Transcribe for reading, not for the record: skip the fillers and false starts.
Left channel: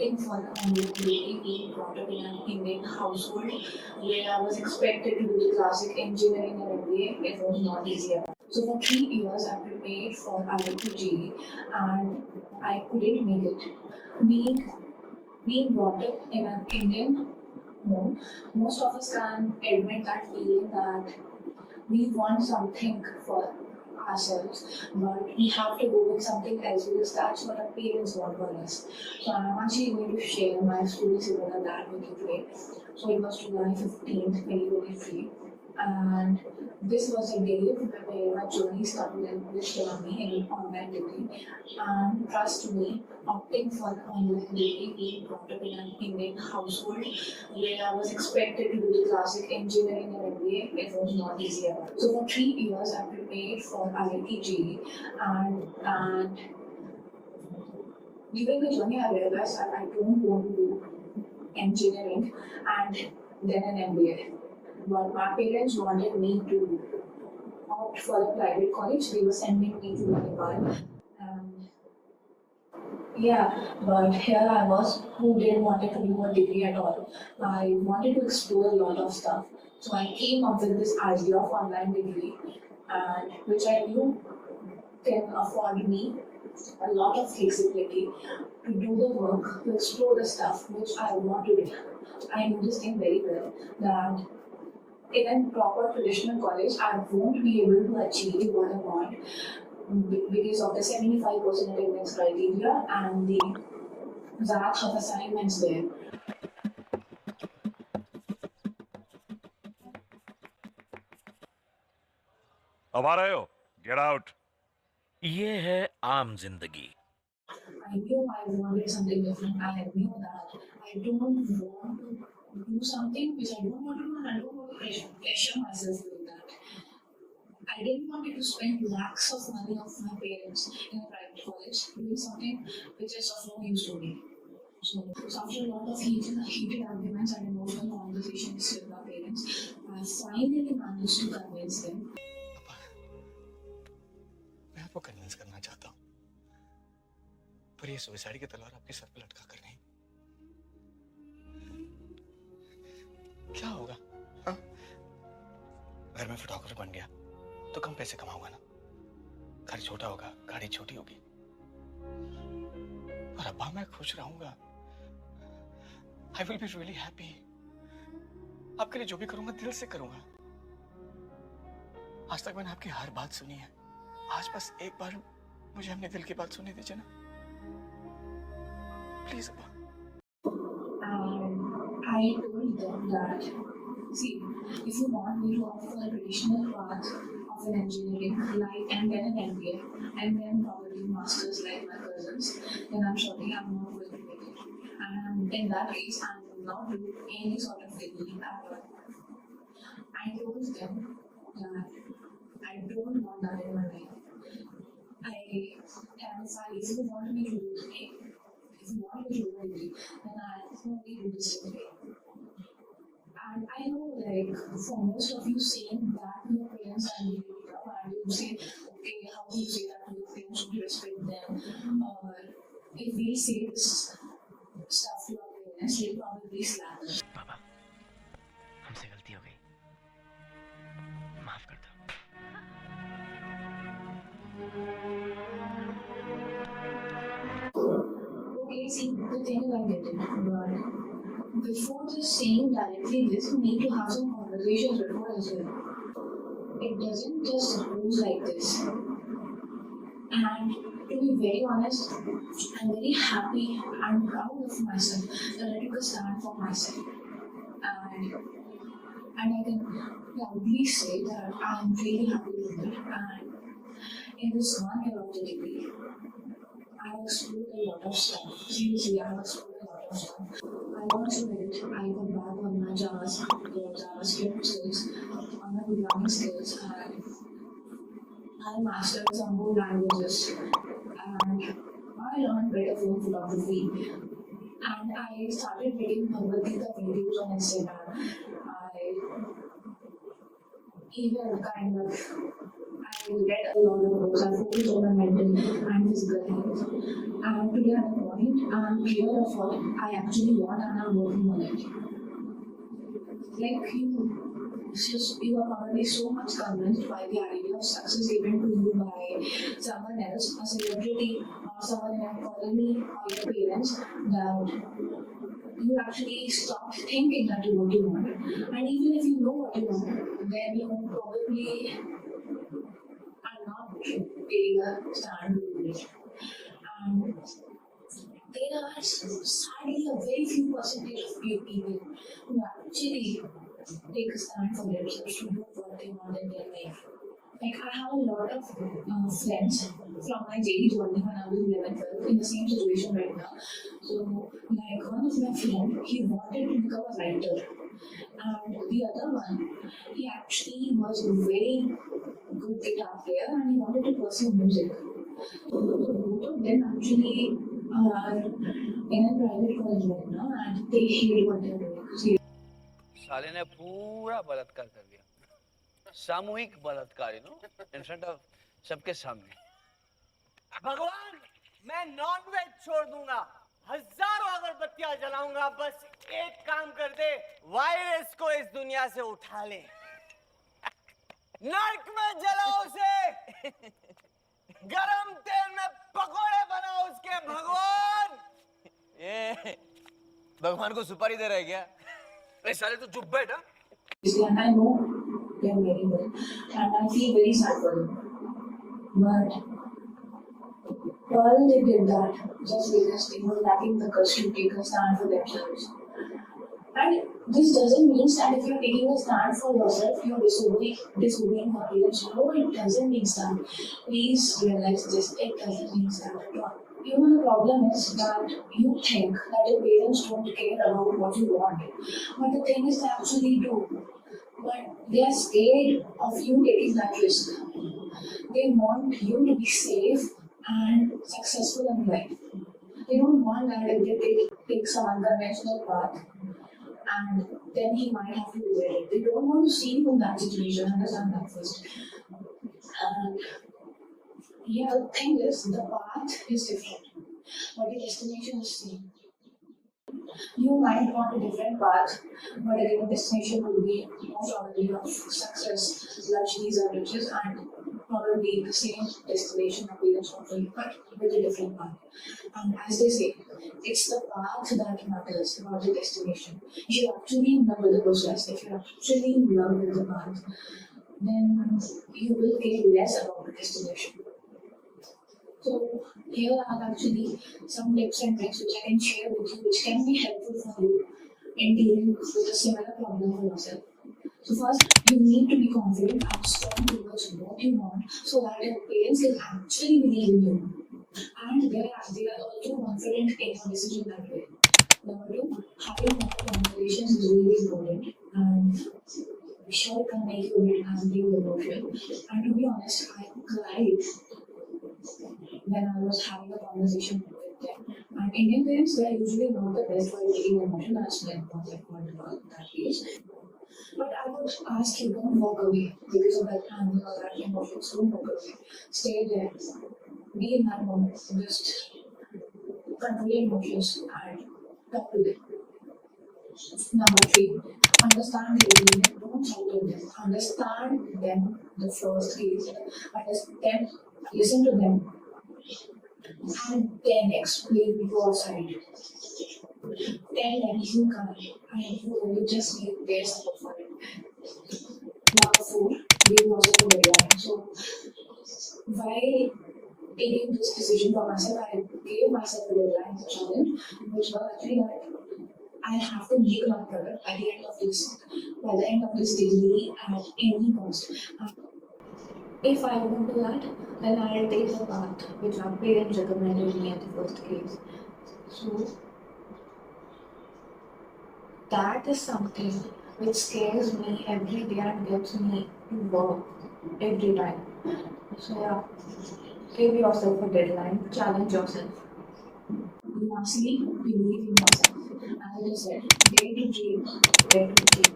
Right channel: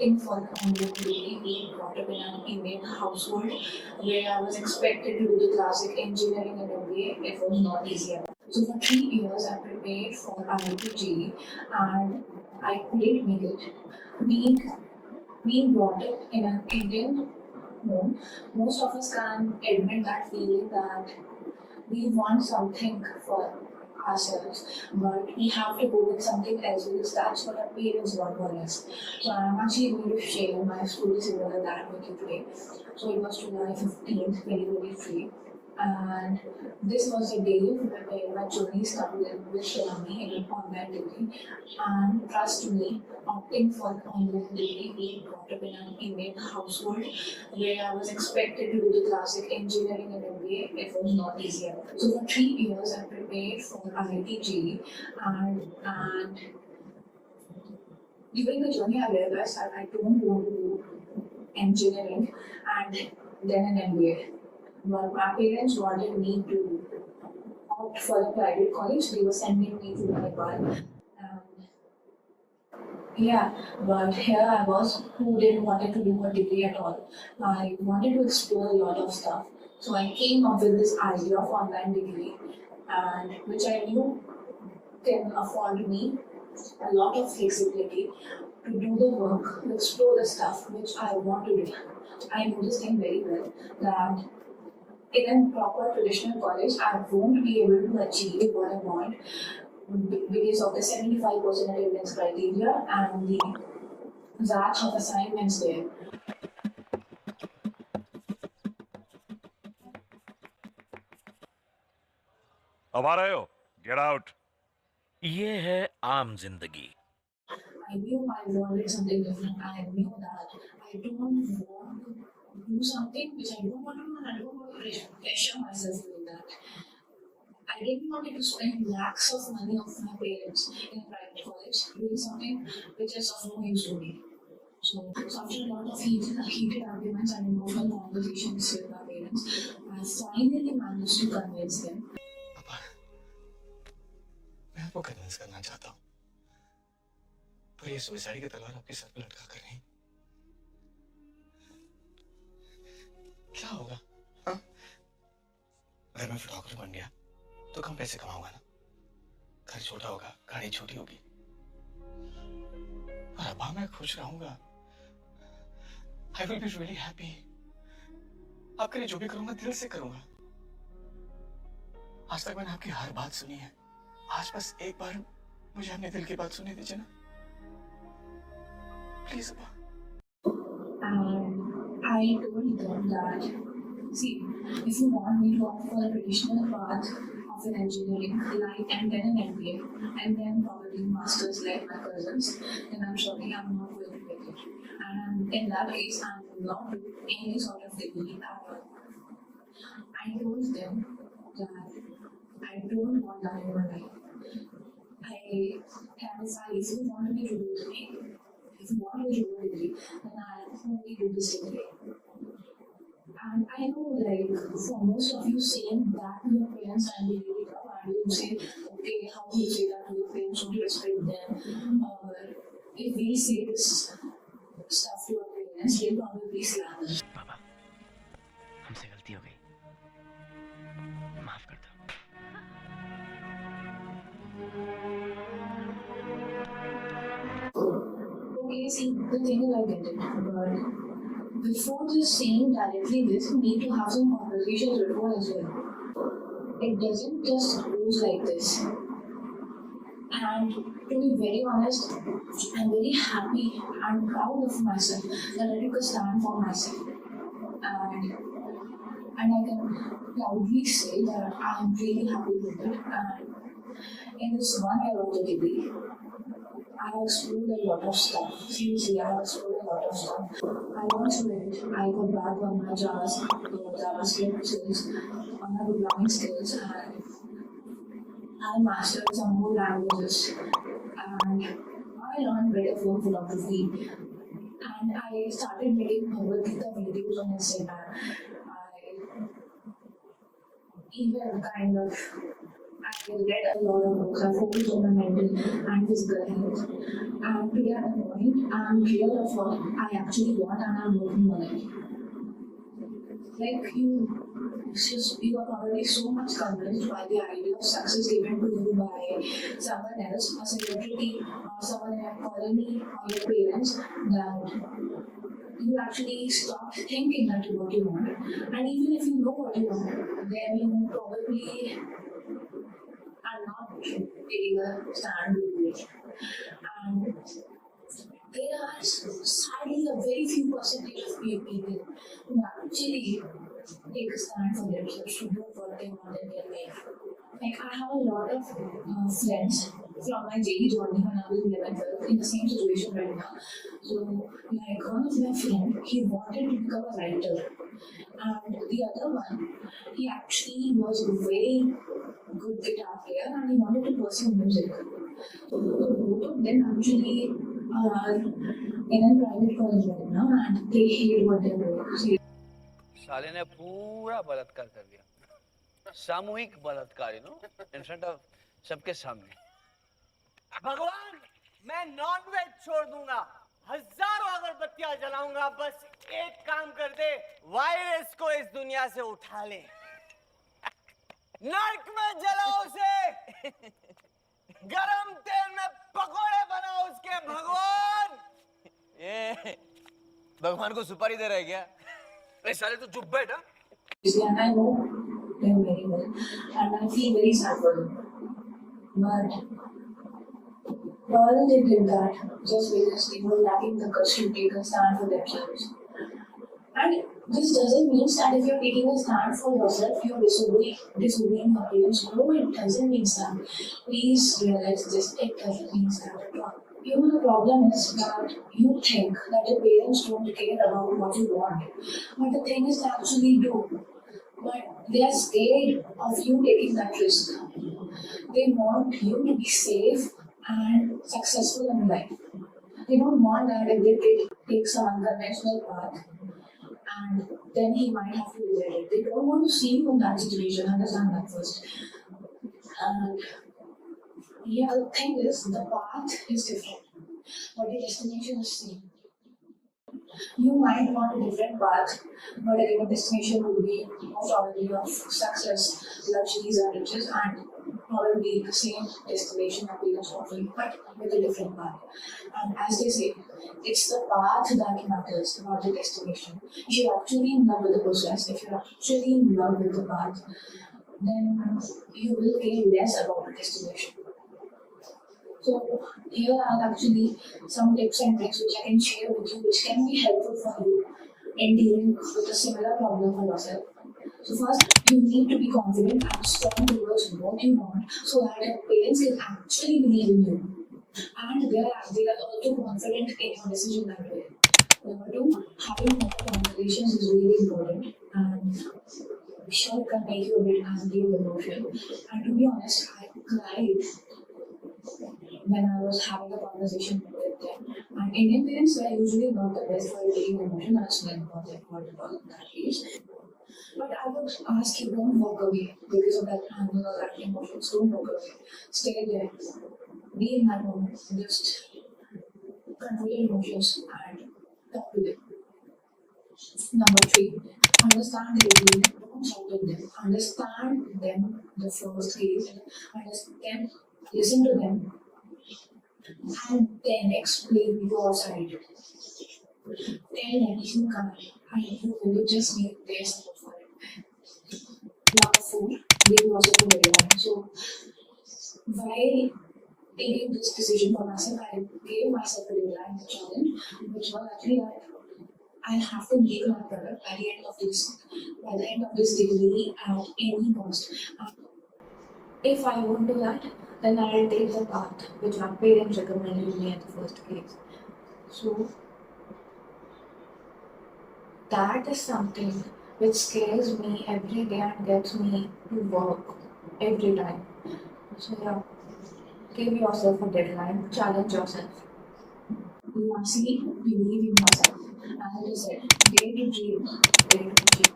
opting for the Indian degree, being brought up in an Indian household where I was expected to do the classic engineering and MBA. It was not easy at all. So for 3 years I prepared for IIT and I couldn't make it. Being being brought up in an Indian home, most of us can admit that feeling that we want something for ourselves, but we have to go with something else because that's what our parents want for us. So I'm actually going to share my story similar to that with you today. So it was July 15th, 2023. And this was a day where my journey started with me in an online degree. And trust me, opting for an online degree, being brought up in an Indian household where I was expected to do the classic engineering and MBA, it was not easy at all. So for 3 years, I prepared for IIT and during the journey, I realized that I don't want to do engineering and then an MBA. But my parents wanted me to opt for the private college. They were sending me to Nepal. And yeah, but here I was who didn't want to do a degree at all. I wanted to explore a lot of stuff. So I came up with this idea of online degree and which I knew can afford me a lot of flexibility to do the work, to explore the stuff which I want to do. I know this thing very well that in a proper traditional college, I won't be able to achieve what I want because of the 75% attendance criteria and the batch of assignments there. अब आ रहे हो? Get out. ये है आम जिंदगी। I knew I wanted something different. I knew that I don't want to do something which I don't want to do and I don't want to pressure myself doing that. I didn't want to spend lakhs of money of my parents in a private college doing something which is of no use to me. So after a lot of heated arguments and emotional conversations with my parents, I finally managed to convince them. पापा, मैं आपको convince करना चाहता हूँ, पर ये suicide की तलवार आपके सर पे लटका कर नहीं। क्या होगा? हाँ? अगर मैं फोटोग्राफर बन गया, तो कम पैसे कमाऊंगा ना? घर छोटा होगा, गाड़ी छोटी होगी, पर अब्बा मैं खुश रहूंगा। I will be really happy. आपके लिए जो भी करूंगा दिल से करूंगा। आज तक मैंने आपकी हर बात सुनी है, आज बस एक बार मुझे अपने दिल की बात सुनने दीजिए ना, प्लीज अब्बा। I told them that, see, if you want me to opt for a traditional path of an engineering, like and then an MBA, and then probably masters like my cousins, then I'm sorry, I'm not going to get it. And in that case, I'm not doing any sort of degree at all. I told them that I don't want that in my life. I have decided if you want me to do this degree, if you want me to do a degree, then I'll only do this degree. And I know, like, for most of you saying that to your parents and you wake up and you say, okay, how do you say that to your parents? Don't you respect them? If we say this stuff to our parents, they'll probably slap us. पापा, हमसे गलती हो गई, माफ कर दो। Okay, see, the thing is I get it, but before just saying directly this, you need to have some conversations before as well. It doesn't just goes like this. And to be very honest, I'm very happy and proud of myself that I took a stand for myself. And I can proudly say that I'm really happy with it. And in this 1 year of the degree, I have explored a lot of stuff. Seriously, I have explored a lot of stuff. I went through it. I got back on my JavaScript skills, on my programming skills, and I mastered some more languages. And I learned better for photography. And I started making Bhagavad Gita videos on Instagram. I even kind of, I read a lot of books. I focus on my mental and physical health. And today at a point, I'm clear of what I actually want and I'm working on it. Like you are probably so much convinced by the idea of success given to you by someone else, a celebrity or someone in your colony or your parents, that you actually stop thinking that you what you want. And even if you know what you want, then you probably are not taking a stand with it. And there are sadly a very few percentage of people who actually take a stand for themselves to do what they want in their life. Like I have a lot of friends from my daily journey when I was 11, 12 in the same situation right now. So like one of my friends, he wanted to become a writer. And the other one, he actually was a very good guitar player and he wanted to pursue music. So both of them actually are in a private college right now and they hate what they're doing. साले ने पूरा बलात्कार कर दिया, सामूहिक बलात्कार, in front of सबके सामने. भगवान, मैं नॉनवेज छोड़ दूंगा, हजारों अगरबत्तियां जलाऊंगा, बस एक काम कर दे, वायरस को इस दुनिया से उठा ले, नर्क में जलाओ उसे, गरम तेल में पकोड़े बनाओ उसके. भगवान, ये भगवान को सुपारी दे रहा है क्या? अरे साले तू चुप बैठ. And I know them very well, and I feel very sad for them. But all they did that just because they were lacking the guts to take a stand for themselves. And this doesn't mean that if you're taking a stand for yourself, you're disobeying your parents. No, it doesn't mean that. Please realize this, it doesn't mean that at all. The problem is that you think that your parents don't care about what you want. But the thing is, they actually do. But they are scared of you taking that risk. They want you to be safe and successful in life. They don't want that if they take some unconventional path and then he might have to regret it. They don't want to see you in that situation. Understand that first. And yeah, the thing is, the path is different, but the destination is same. You might want a different path, but a given destination will be most probably of success, luxuries and riches, and probably the same destination that parents want for you, but with a different path. And as they say, it's the path that matters, not the destination. If you're actually in love with the process, if you're actually in love with the path, then you will care less about the destination. So here are actually some tips and tricks which I can share with you, which can be helpful for you in dealing with a similar problem for yourself. So first, you need to be confident and strong towards what you want, so that your parents can actually believe in you, and they are also confident in your decision that way. Number two, having more conversations is really important, and sure can make you a bit angry or emotional. And to be honest, I cried when I was having a conversation with them. And Indian parents were usually not the best for taking emotion as well, about that age. But I would ask you, don't walk away because of that anger or that emotions. Don't walk away. Stay there. Be in that moment. Just control your emotions and talk to them. Number three, understand their opinion. Don't shout at them. Understand them the first case. Understand, listen to them, and then explain your side. Tell them you can't, and you will just need their support for it. Number four, give yourself a deadline. So, while taking this decision for myself, I gave myself a deadline, a challenge, which was actually that I have to make my product at the end of this degree at any cost. If I won't do that, then I'll take the path which my parents recommended me at the first case. So that is something which scares me every day and gets me to work every time. So yeah, give yourself a deadline, challenge yourself. Lastly, believe in yourself. As I said, dare to dream, dare to achieve.